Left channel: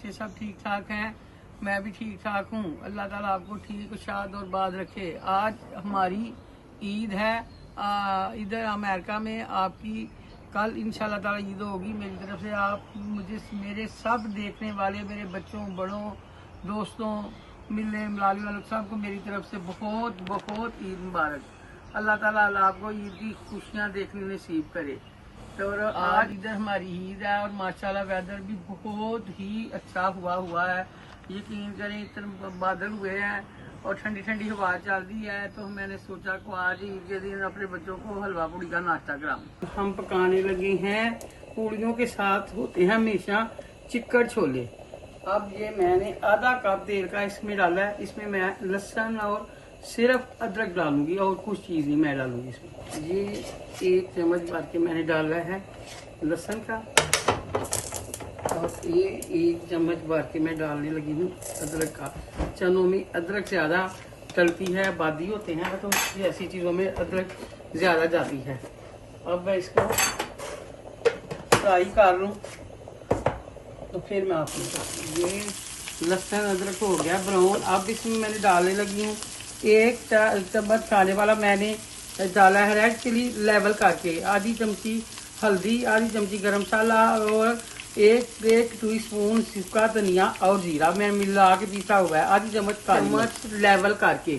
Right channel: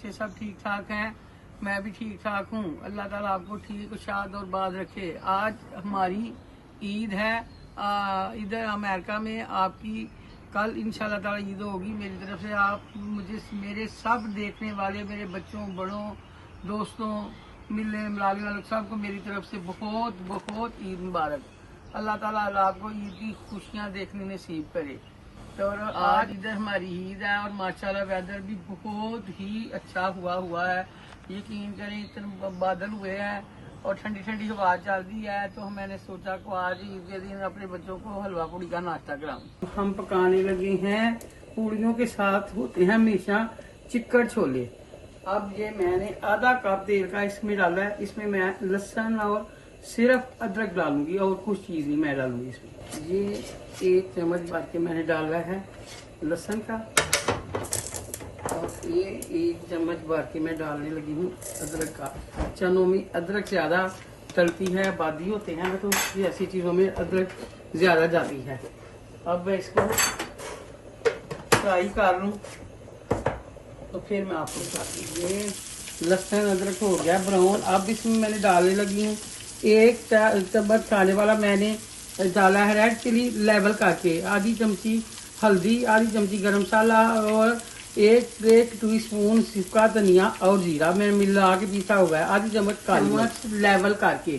बच्चे सब ठीक ठाक हैं, मैं भी ठीक ठाक हूँ। अल्लाह ताला आपको ठीक शाद और बाद रखे। आज हमारी ईद है इधर अमेरिका में। आपकी कल इंशाल्लाह ताला ईद होगी। मेरी तरफ से आप मुझे मेरे सब देखने वाले मेरे बच्चों बड़ों दोस्तों मिलने मिलाने वालों सबको मेरी तरफ से बहुत बहुत ईद मुबारक। अल्लाह ताला आपको ईद की खुशियाँ देखने नसीब करे। तो आज इधर हमारी ईद है और माशाल्लाह वेदर भी बहुत ही अच्छा हुआ है। यकीन करें इतने बादल हुए हैं और ठंडी ठंडी हवा चल रही है। तो मैंने सोचा को आज ईद के दिन अपने बच्चों को हलवा पूड़ी का नाश्ता कराऊं। हम पकाने लगे हैं, पूड़ियों के साथ होते हैं हमेशा चिक्कड़ छोले। अब ये मैंने आधा कप तेल का इसमें डाला है। इसमें मैं लहसुन और सिर्फ अदरक डालूंगी और कुछ चीज़ नहीं मैं डालूंगी इसमें। ये 1 चम्मच भर के मैंने डाला है लहसुन का और ये 1 चम्मच भर के मैं डालने लगी हूँ अदरक का। चनों में अदरक ज़्यादा चलती है, आबादी होते हैं तो ऐसी चीज़ों में अदरक ज़्यादा जाती है। अब मैं इसको फ्राई कर लूँ तो फिर मैं आपको ये लहसुन अदरक हो गया ब्राउन। अब इसमें मैंने डालने लगी हूँ 1 चम्मच खाने वाला मैंने डाला है रेड चिली लेवल करके, आधी चमची हल्दी, आधी चमची गरम मसाला और एक टीस्पून सूखा धनिया और जीरा मैंने मिला के पीसा हुआ है। आधी चम्मच लेवल करके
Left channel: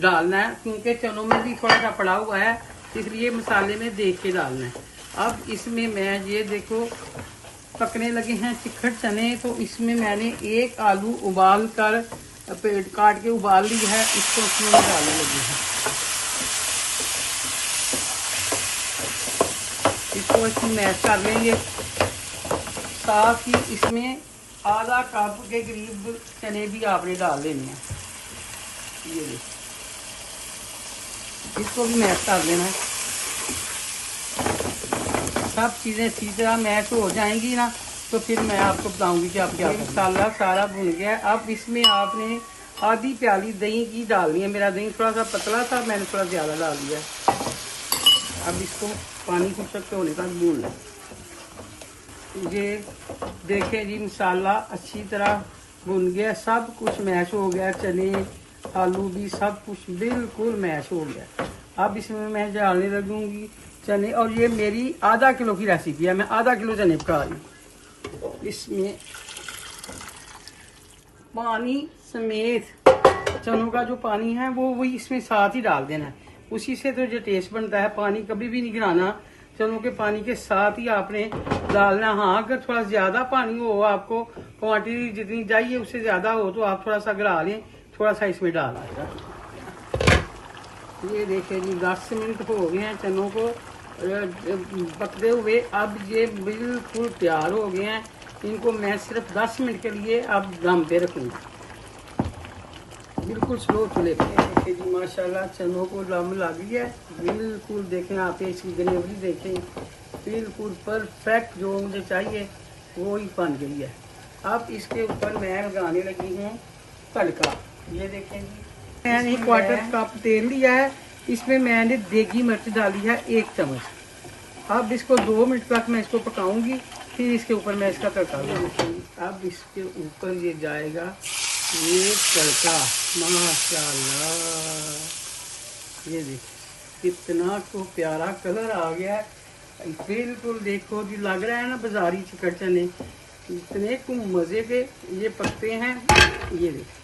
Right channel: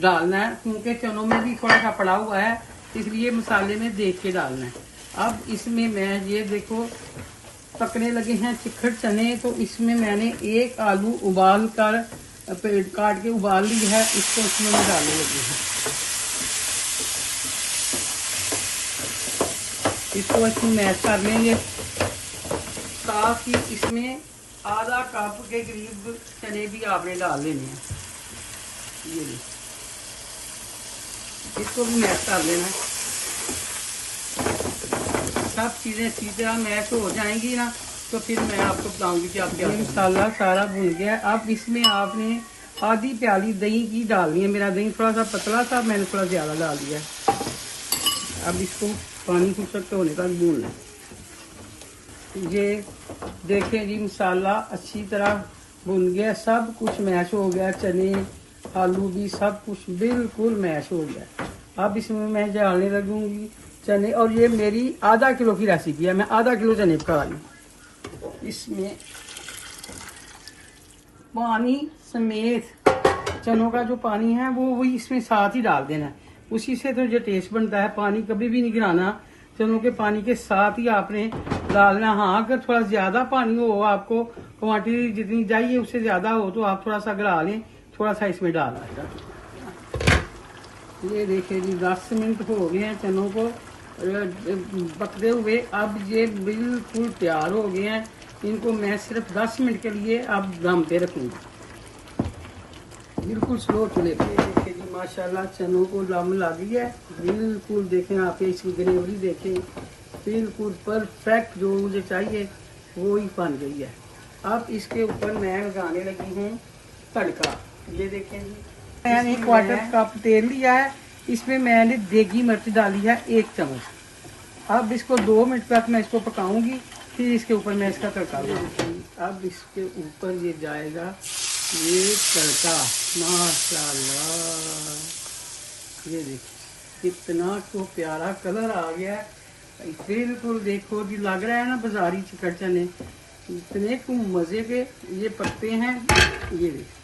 डालना है क्योंकि चनों में भी थोड़ा सा पड़ा हुआ है, इसलिए मसाले में देख के डालना है। अब इसमें मैं ये देखो पकने लगे हैं चिकड़ चने, तो इसमें मैंने 1 आलू उबाल कर काट के उबाल ली है, इसको इसमें डालने लगे हैं। इसको इसमें मैश कर लेंगे। साथ ही इसमें आधा कप के करीब चने भी आपने डाल लेने हैं। ये इसको भी मैश कर लेना है। सब चीजें अच्छी तरह मैश हो जाएंगी ना तो फिर मैं आपको बताऊंगी कि आप क्या। मसाला सारा भुन गया है। अब इसमें आपने आधी प्याली दही की डालनी है। मेरा दही थोड़ा सा पतला था, मैंने थोड़ा ज्यादा डाल दिया। अब इसको पानी को सख्त होने का भूनना। ये देखें जी मसाला अच्छी तरह भुन गया, सब कुछ मैश हो गया, चने आलू भी सब कुछ बिल्कुल मैश हो गया। अब इसमें मैं डालने लगूंगी चने, और ये मेरी आधा किलो की रेसिपी है, मैं आधा किलो चने पका रही हूँ। इसमें पानी समेत चनों का जो पानी है वो इसमें साथ ही डाल देना है, उसी से तो जो टेस्ट बनता है। पानी कभी भी नहीं गिराना, चनों के पानी के साथ ही आपने डालना। हाँ अगर थोड़ा ज्यादा पानी हो, आपको क्वांटिटी जितनी चाहिए उससे ज्यादा हो तो आप थोड़ा सा गिरा लें, थोड़ा सा इसमें डालना। ये देखिए जी 10 मिनट हो गए हैं चनों को पकते हुए। अब ये बिल्कुल तैयार हो गए हैं। इनको मैं सिर्फ 10 मिनट के लिए अब दम पे रखूंगा, बिल्कुल स्लो चूल्हे पे। देखिए जी माशाल्लाह चनों को दम ला दिया है। बिल्कुल देखें आप इसकी ग्रेवी देखें, बिल्कुल परफेक्ट जो मुझे चाहिए वो ही बन गई है। अब इसके ऊपर मैं लगाने लगी हूँ तड़का। ये देखें जी मैंने 1/4 कप तेल लिया है, इसमें मैंने देगी मिर्च डाली है 1 चम्मच। अब इसको 2 मिनट तक मैं इसको पकाऊंगी, फिर इसके ऊपर मैं इसका तड़का लूँगी। अब इसके ऊपर ये जाएगा ये तड़का माशाल्लाह। ये देखिए कितना को प्यारा कलर आ गया है, बिल्कुल देखो जी लग रहा है ना बाजारी चिकड़ चने, इतने को मजे के ये पकते हैं। ये देखिए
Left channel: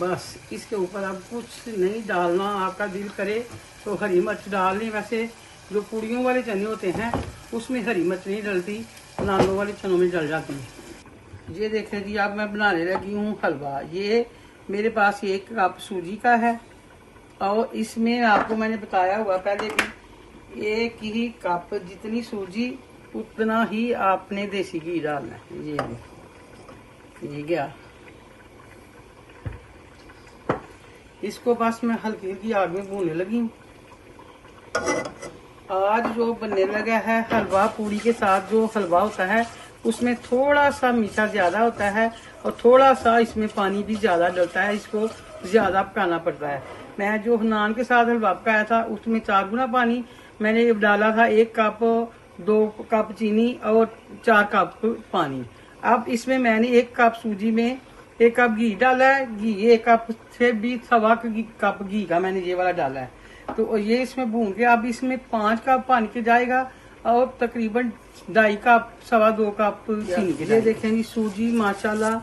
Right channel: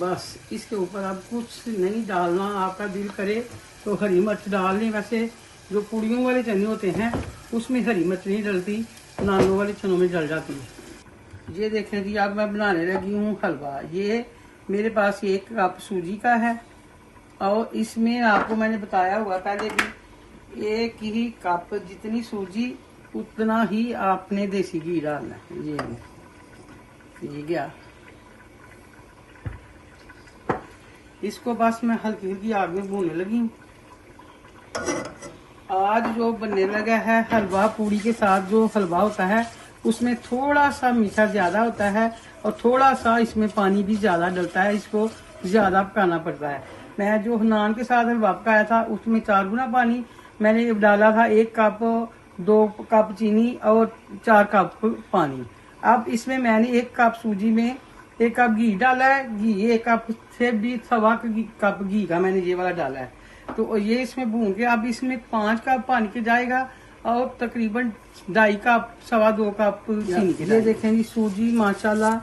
बस इसके ऊपर अब कुछ नहीं डालना, आपका दिल करे तो हरी मिर्च डाल लें। वैसे जो पूड़ियों वाले चने होते हैं उसमें हरी मिर्च नहीं डलती, नानों वाले चनों में डल जाती है। ये देखें जी अब मैं बनाने लगी हूँ हलवा। ये मेरे पास 1 कप सूजी का है और इसमें आपको मैंने बताया हुआ पहले भी 1 ही कप जितनी सूजी उतना ही आपने देसी घी डालना है। ये गया, इसको बस मैं हल्की हल्की आग में भूनने लगी हूँ। आज जो बनने लगा है हलवा पूड़ी के साथ, जो हलवा होता है उसमें थोड़ा सा मीठा ज्यादा होता है और थोड़ा सा इसमें पानी भी ज्यादा डलता है, इसको ज्यादा पकाना पड़ता है। मैं जो नान के साथ हलवा पकाया था उसमें 4 गुना पानी मैंने डाला था। 1 कप 2 कप चीनी और 4 कप पानी। अब इसमें मैंने 1 कप सूजी में 1 कप घी डाला है। घी 1 कप से भी सवा कप घी का मैंने ये वाला डाला है। तो ये इसमें भून के अब इसमें 5 कप पानी के जाएगा और तकरीबन 2.5 कप 2.25 कप चीनी के। ये देखें जी सूजी माशाल्लाह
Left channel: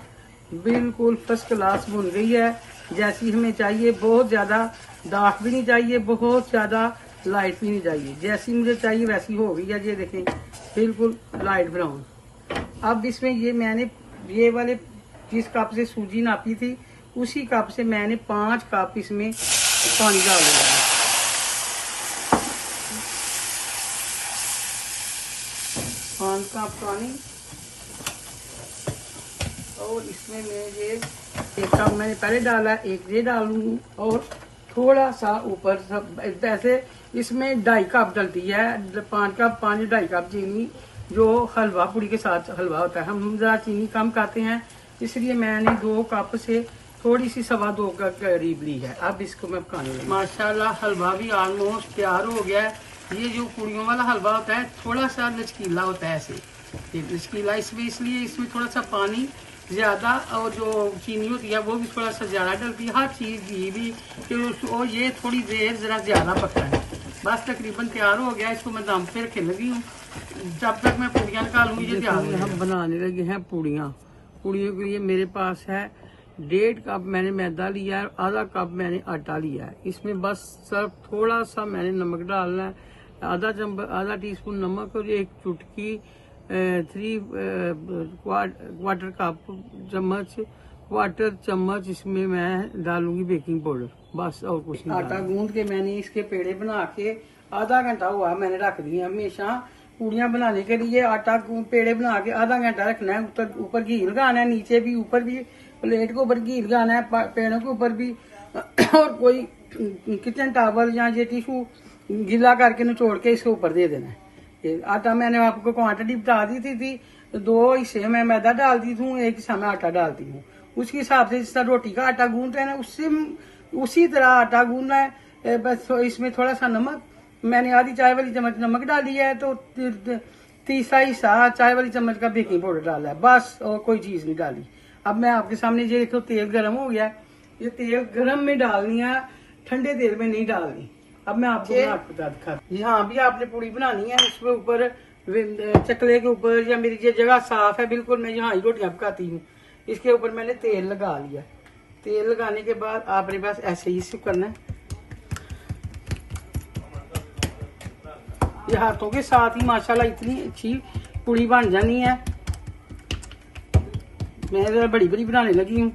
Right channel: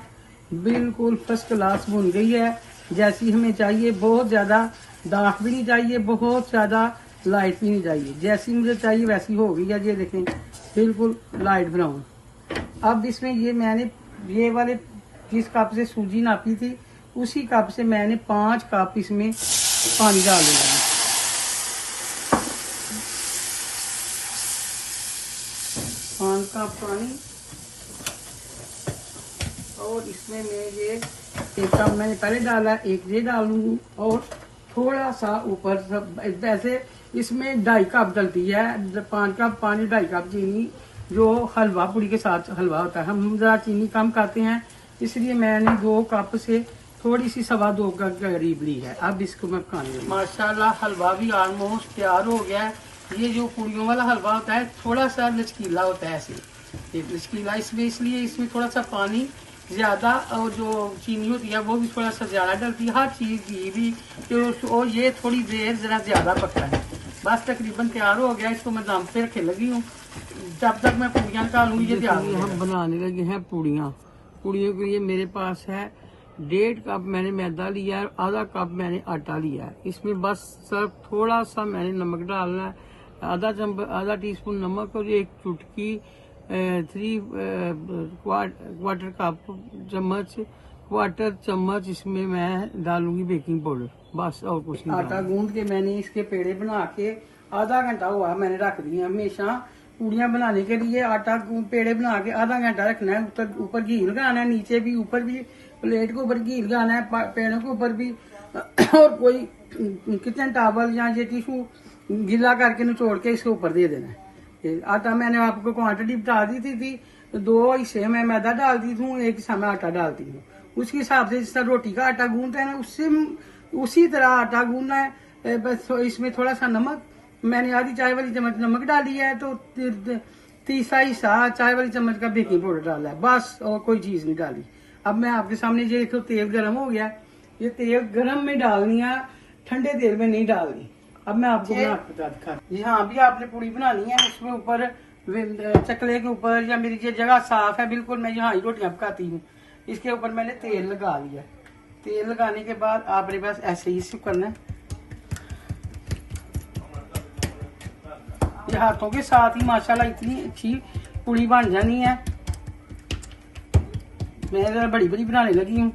बिल्कुल फर्स्ट क्लास भून गई है जैसी हमें चाहिए। बहुत ज्यादा दाख भी नहीं चाहिए, बहुत ज्यादा लाइट भी नहीं चाहिए, जैसी मुझे चाहिए वैसी हो गई है। ये देखें बिल्कुल लाइट ब्राउन। अब इसमें ये मैंने ये वाले जिस कप से सूजी नापी थी उसी कप से मैंने 5 कप इसमें पानी डाल दिया। 5 कप पानी और इसमें मैं ये 1 कप मैंने पहले डाला, 1 ये डालूंगी और थोड़ा सा ऊपर सब ऐसे इसमें 2.5 कप डलती है। 5 कप पानी 2.5 कप चीनी जो हलवा पूरी के साथ हलवा होता है। हम ज़रा चीनी कम खाते हैं इसलिए मैंने 2 कप से थोड़ी सी 2.25 का करीब ली है। अब इसको मैं पकाने लगी। माशाल्लाह हलवा भी ऑलमोस्ट तैयार हो गया है। ये जो पूड़ियों वाला हलवा होता है थोड़ा सा लचकीला होता है ऐसे, ये लचकीला इसमें इसलिए इसमें थोड़ा सा पानी ज्यादा और जो चीनी होती है वो भी थोड़ा सा ज्यादा डलती है, हर चीज घी भी। और ये थोड़ी देर जरा ज्यादा पकता है। बस तकरीबन तैयार हो गया, इसको मैं दम पे रखे लगी हूँ। जब तक मैं पूड़ियाँ निकालूंगी ये हम बनाने लगे हैं पूड़ियाँ। पूड़ियों के लिए मेरे पास है 1.5 कप मैंने मैदा लिया है, आधा कप मैंने आटा लिया है। इसमें बस सिर्फ थोड़ा सा मैंने नमक डालना है, आधा टीस्पून नमक और 1 चुटकी 1/4 चम्मच इसमें मैं डालूंगी बेकिंग पाउडर, बस और कुछ नहीं। आटा गूंद के मैंने इसके पेड़े बना के आधा घंटा हुआ मैंने रख दिए। हमेशा पूड़ियाँ बनाने के लिए आटा पेड़े बना के आधा घंटा रखना है। ऊपर घी लगाना है, नीचे भी ऊपर भी प्लेट के ऊपर घी लगाना है, पेड़ों के ऊपर भी। और कोई किचन टॉवल या ये टिश्यू गीला करके निचोड़ के इसके ऊपर दे देना है। आटा मैंने आपको क्वांटिटी बता दी थी 2 हिस्से में मैदा डालती हूँ, 1 हिस्सा में आटा डालती हूँ। उसके हिसाब से जिस तरह रोटी का आटा गूंदते हैं ना उसी तरह आटा गूंदना है। बस इसमें थोड़ा सा नमक, मैंने आधी चाय वाली चम्मच नमक डाली है, तो तीसरा हिस्सा चाय वाली चम्मच का बेकिंग पाउडर डाला है, बस और कोई चीज नहीं डाली। अब मैं आपके सामने ये तो तेल गर्म हो गया, ये तेल गर्म में डालनी है, ठंडे तेल में नहीं डालनी। अब मैं आपको बता दिखाती। यहाँ भी आपने पूड़ी बनानी है, उसके ऊपर चकले के ऊपर या मेरी ये जगह साफ है बिल्कुल, मैं यहाँ ही रोटियां पकाती हूँ। इसके ऊपर मैंने तेल लगा लिया। तेल लगाने के बाद आपने बस ऐसे ही इसे करना है, ये हाथों के साथ ही माशाल्लाह इतनी अच्छी पूड़ी बन जानी है। मैं जरा बड़ी बड़ी बनाने लगी हूँ,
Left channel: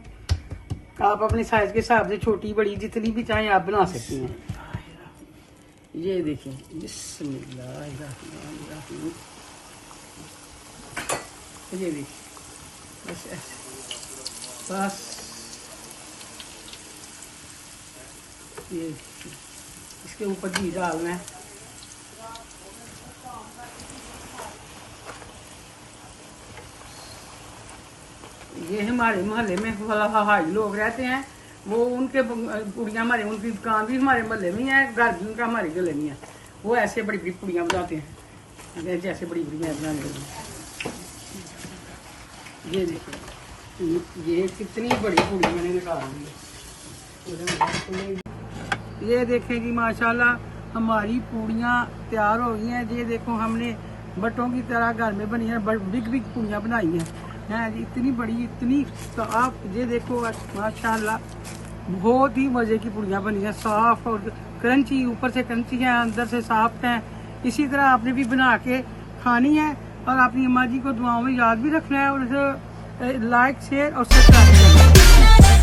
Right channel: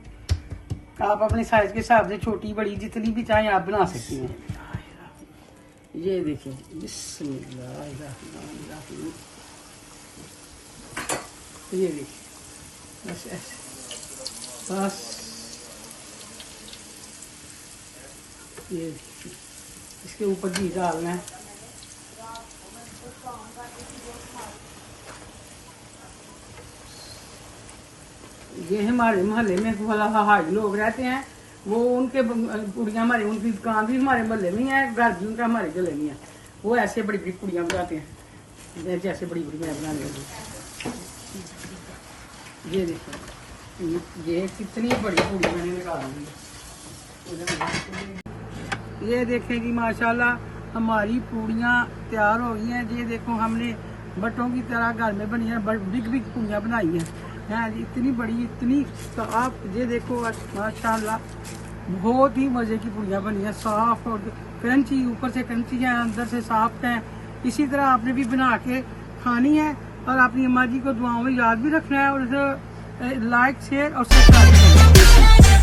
आप अपने साइज के हिसाब से छोटी बड़ी जितनी भी चाहें आप बना सकती हैं। ये देखिए बिस्मिल्लाहिर्रहमानिर्रहीम, ये देखिए बस ऐसे, बस ये इसके ऊपर घी डालना है। ये हमारे मोहल्ले में हाई लोग रहते हैं, वो उनके पूड़ियाँ हमारे उनकी दुकान भी हमारे मोहल्ले में है, घर भी उनका हमारे गले में है। वो ऐसे बड़ी बड़ी पूड़ियाँ बनाते हैं, जैसे बड़ी बड़ी मैं बनाने लगी। ये देखिए ये कितनी बड़ी पूड़ी मैंने निकाली है। ये देखें कि माशाल्लाह हमारी पूड़ियाँ तैयार हो गई हैं। ये देखो हमने बटों की तरह घर में बनी है, बिग बिग पूड़ियाँ बनाई हैं। इतनी बड़ी इतनी साफ, ये देखो माशाल्लाह बहुत ही मजे की पूड़ियाँ बनी है, साफ और क्रंची, ऊपर से क्रंची है अंदर से साफ है। इसी तरह आपने भी बना के खानी है और अपनी अम्मा जी को दुआओं में याद भी रखना है और लाइक शेयर और सब्सक्राइब करना है।